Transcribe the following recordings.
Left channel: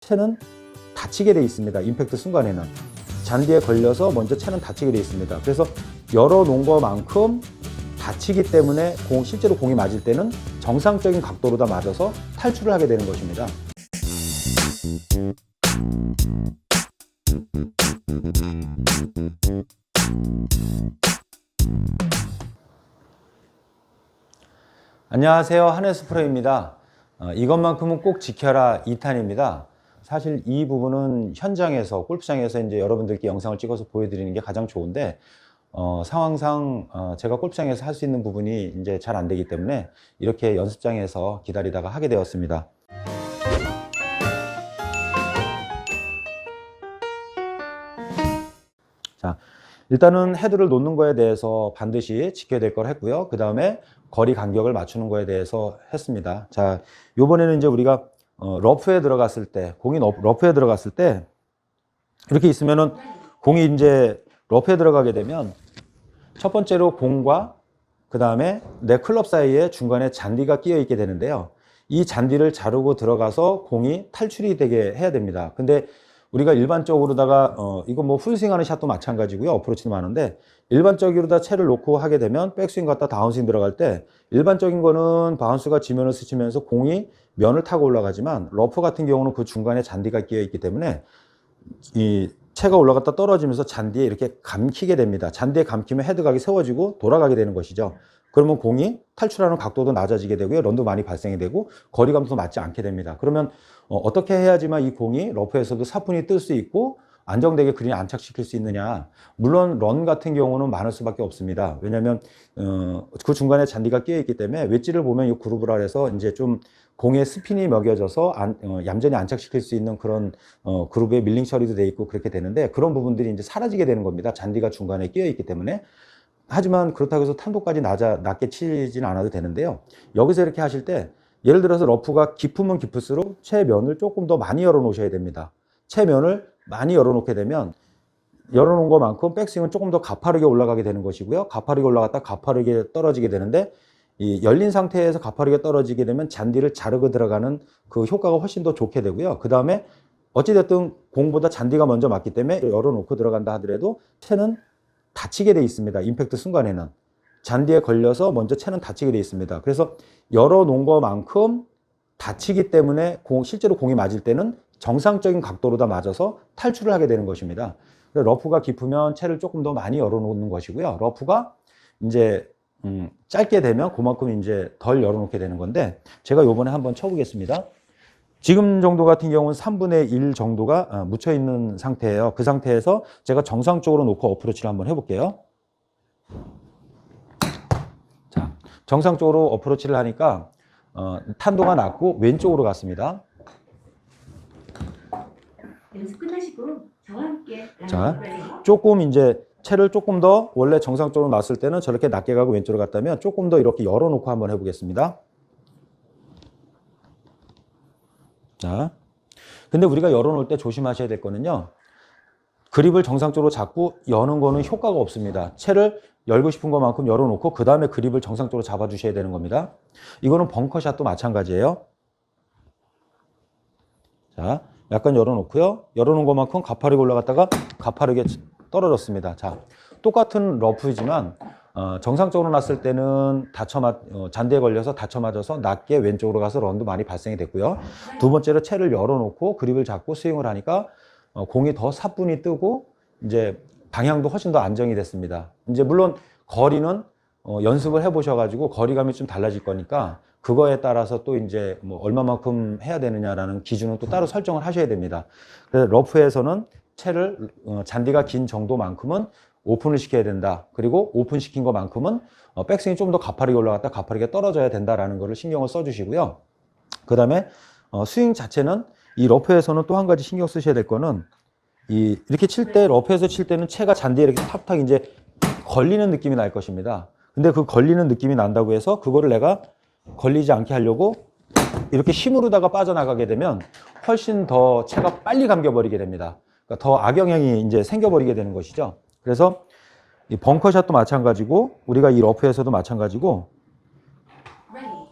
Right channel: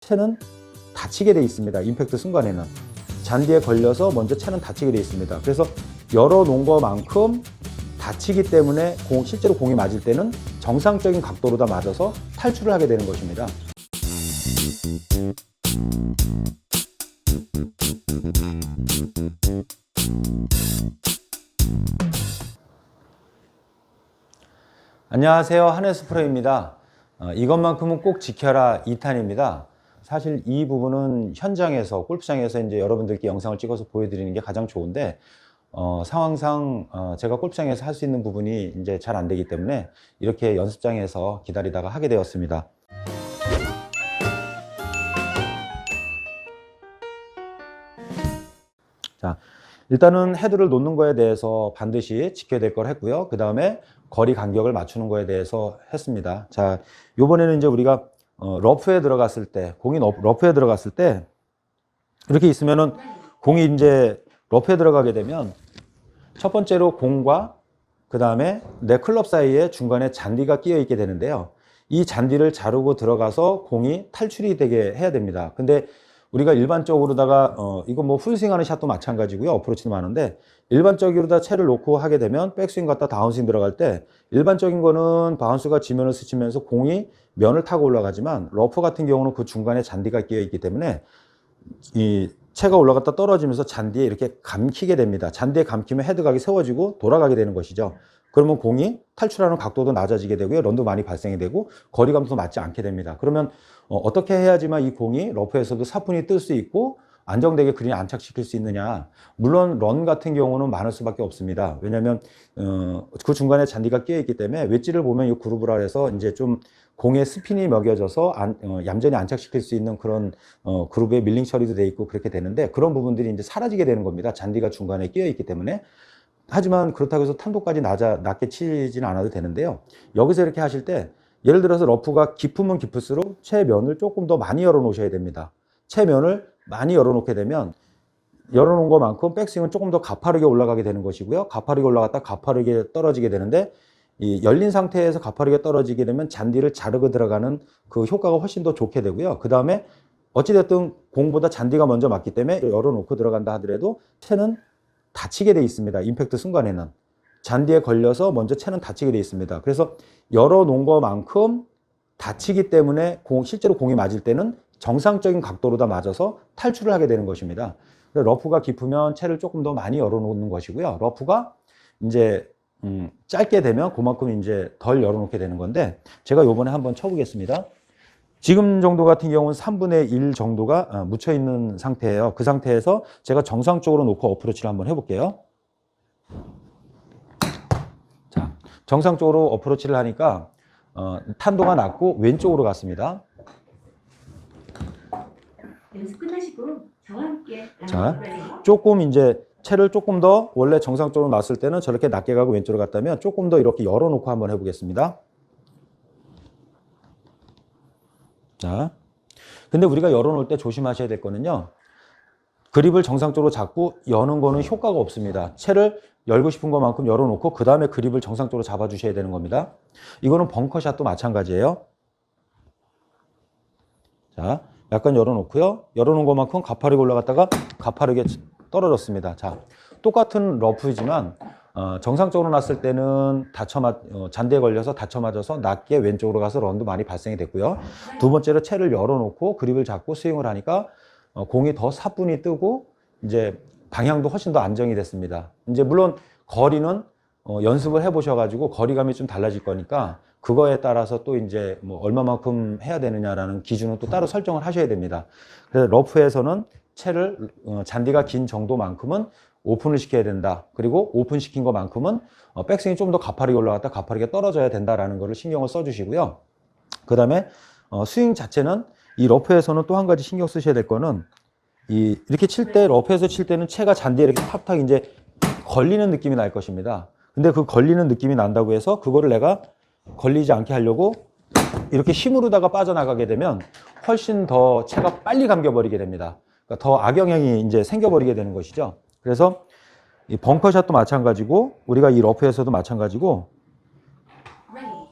채는 다치게 돼 있습니다. 임팩트 순간에는 잔디에 걸려서 먼저 채는 다치게 돼 있습니다. 그래서 열어놓은 것만큼 다치기 때문에 실제로 공이 맞을 때는 정상적인 각도로 다 맞아서 탈출을 하게 되는 것입니다. 안녕하세요, 한혜수 프로입니다. 이것만큼은 꼭 지켜라 2탄입니다. 사실 이 부분은 현장에서 골프장에서 이제 여러분들께 영상을 찍어서 보여드리는 게 가장 좋은데 상황상 제가 골프장에서 할 수 있는 부분이 이제 잘 안 되기 때문에 이렇게 연습장에서 기다리다가 하게 되었습니다. 자, 일단은 헤드를 놓는 거에 대해서 반드시 지켜야 될 걸 했고요. 그 다음에 거리 간격을 맞추는 거에 대해서 했습니다. 자, 요번에는 이제 우리가 러프에 들어갔을 때, 공이 러프에 들어갔을 때 이렇게 있으면은 공이 이제 러프에 들어가게 되면 첫 번째로 공과 그 다음에 내 클럽 사이에 중간에 잔디가 끼어 있게 되는데요. 이 잔디를 자르고 들어가서 공이 탈출이 되게 해야 됩니다. 근데 우리가 일반적으로다가 이거 뭐 풀스윙하는 샷도 마찬가지고요. 어프로치도 많은데 일반적으로다 채를 놓고 하게 되면 백스윙 갔다 다운스윙 들어갈 때 일반적인 거는 바운스가 지면을 스치면서 공이 면을 타고 올라가지만 러프 같은 경우는 그 중간에 잔디가 끼어 있기 때문에 이 채가 올라갔다 떨어지면서 잔디에 이렇게 감히게 됩니다. 잔디에 감히면 헤드각이 세워지고 돌아가게 되는 것이죠. 그러면 공이 탈출하는 각도도 낮아지게 되고요. 런도 많이 발생이 되고 거리감도 맞지 않게 됩니다. 그러면 어떻게 해야지만 이 공이 러프에서도 사뿐히 뜰 수 있고 안정되게 그린에 안착시킬 수 있느냐. 물론 런 같은 경우는 많을 수밖에 없습니다. 왜냐하면 그 중간에 잔디가 끼어 있기 때문에 웨지를 보면 이 그루브라 해서 이제 좀 공의 스핀이 먹여져서 얌전히 안착시킬 수 있는 그런 그루브에 밀링 처리도 돼 있고 그렇게 되는데 그런 부분들이 이제 사라지게 되는 겁니다. 잔디가 중간에 끼어 있기 때문에. 하지만 그렇다고 해서 탄도까지 낮게 치지는 않아도 되는데요. 여기서 이렇게 하실 때 예를 들어서 러프가 깊으면 깊을수록 채면을 조금 더 많이 열어 놓으셔야 됩니다. 채면을 많이 열어 놓게 되면 열어놓은 것만큼 백스윙은 조금 더 가파르게 올라가게 되는 것이고요. 가파르게 올라갔다 가파르게 떨어지게 되는데 이 열린 상태에서 가파르게 떨어지게 되면 잔디를 자르고 들어가는 그 효과가 훨씬 더 좋게 되고요. 그 다음에 어찌됐든 공보다 잔디가 먼저 맞기 때문에 열어놓고 들어간다 하더라도 채는 다치게 돼 있습니다. 임팩트 순간에는 잔디에 걸려서 먼저 채는 다치게 돼 있습니다. 그래서 열어놓은 것만큼 다치기 때문에 실제로 공이 맞을 때는 정상적인 각도로 다 맞아서 탈출을 하게 되는 것입니다. 러프가 깊으면 채를 조금 더 많이 열어놓는 것이고요. 러프가 이제 짧게 되면 그만큼 이제 덜 열어놓게 되는 건데 제가 요번에 한번 쳐보겠습니다. 지금 정도 같은 경우는 3분의 1 정도가 묻혀 있는 상태예요. 그 상태에서 제가 정상적으로 놓고 어프로치를 한번 해볼게요. 자, 정상적으로 어프로치를 하니까 탄도가 낮고 왼쪽으로 갔습니다. 연습 끝나시고 저와 함께 자, 조금 이제 채를 조금 더 원래 정상적으로 놨을 때는 저렇게 낮게 가고 왼쪽으로 갔다면 조금 더 이렇게 열어놓고 한번 해보겠습니다. 자, 근데 우리가 열어놓을 때 조심하셔야 될 거는요. 그립을 정상적으로 잡고 여는 거는 효과가 없습니다. 채를 열고 싶은 것만큼 열어놓고 그 다음에 그립을 정상적으로 잡아주셔야 되는 겁니다. 이거는 벙커샷도 마찬가지예요. 자, 약간 열어놓고요. 열어놓은 것만큼 가파르게 올라갔다가 가파르게 떨어졌습니다. 자, 똑같은 러프이지만 정상적으로 놨을 때는 잔디에 걸려서 다쳐 맞아서 낮게 왼쪽으로 가서 런도 많이 발생이 됐고요. 두 번째로 채를 열어놓고 그립을 잡고 스윙을 하니까 공이 더 사뿐히 뜨고 이제 방향도 훨씬 더 안정이 됐습니다. 이제 물론 거리는 연습을 해보셔가지고 거리감이 좀 달라질 거니까 그거에 따라서 또 이제 뭐 얼마만큼 해야 되느냐라는 기준을 또 따로 설정을 하셔야 됩니다. 그래서 러프에서는 채를 잔디가 긴 정도만큼은 오픈을 시켜야 된다. 그리고 오픈시킨 것만큼은 백스윙이 좀 더 가파르게 올라갔다 가파르게 떨어져야 된다라는 거를 신경을 써주시고요. 그 다음에 스윙 자체는 이 러프에서는 또 한 가지 신경 쓰셔야 될 거는 이렇게 칠 때 러프에서 칠 때는 채가 잔디에 이렇게 탁탁 이제 걸리는 느낌이 날 것입니다. 근데 그 걸리는 느낌이 난다고 해서 그거를 내가 걸리지 않게 하려고 이렇게 힘으로다가 빠져나가게 되면 훨씬 더 채가 빨리 감겨버리게 됩니다. 그러니까 더 악영향이 이제 생겨버리게 되는 것이죠. 그래서 이 벙커샷도 마찬가지고 우리가 이 러프에서도 마찬가지고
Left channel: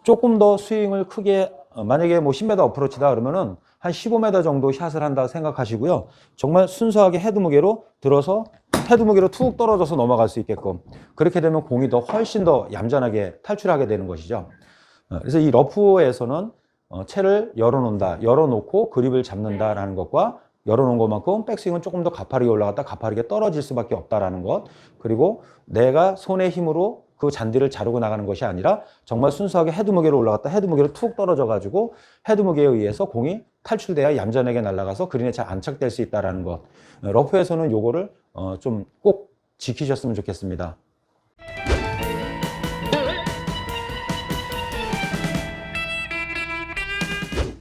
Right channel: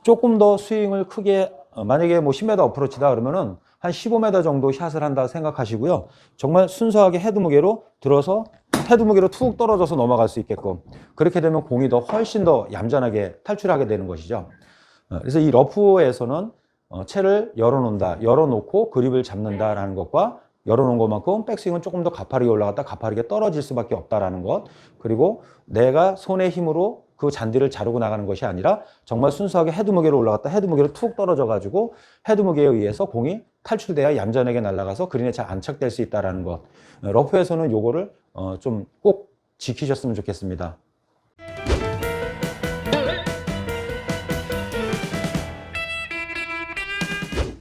조금 더 스윙을 크게 만약에 뭐 10m 어프로치다 그러면은 한 15m 정도 샷을 한다 생각하시고요. 정말 순수하게 헤드 무게로 들어서 헤드 무게로 툭 떨어져서 넘어갈 수 있게끔, 그렇게 되면 공이 더 훨씬 더 얌전하게 탈출하게 되는 것이죠. 그래서 이 러프에서는 채를 열어놓는다, 열어놓고 그립을 잡는다라는 것과 열어놓은 것만큼 백스윙은 조금 더 가파르게 올라갔다 가파르게 떨어질 수밖에 없다라는 것, 그리고 내가 손의 힘으로 그 잔디를 자르고 나가는 것이 아니라 정말 순수하게 헤드 무게로 올라갔다 헤드 무게로 툭 떨어져 가지고 헤드 무게에 의해서 공이 탈출돼야 얌전하게 날아가서 그린에 잘 안착될 수 있다는 것. 러프에서는 요거를 좀 꼭 지키셨으면 좋겠습니다.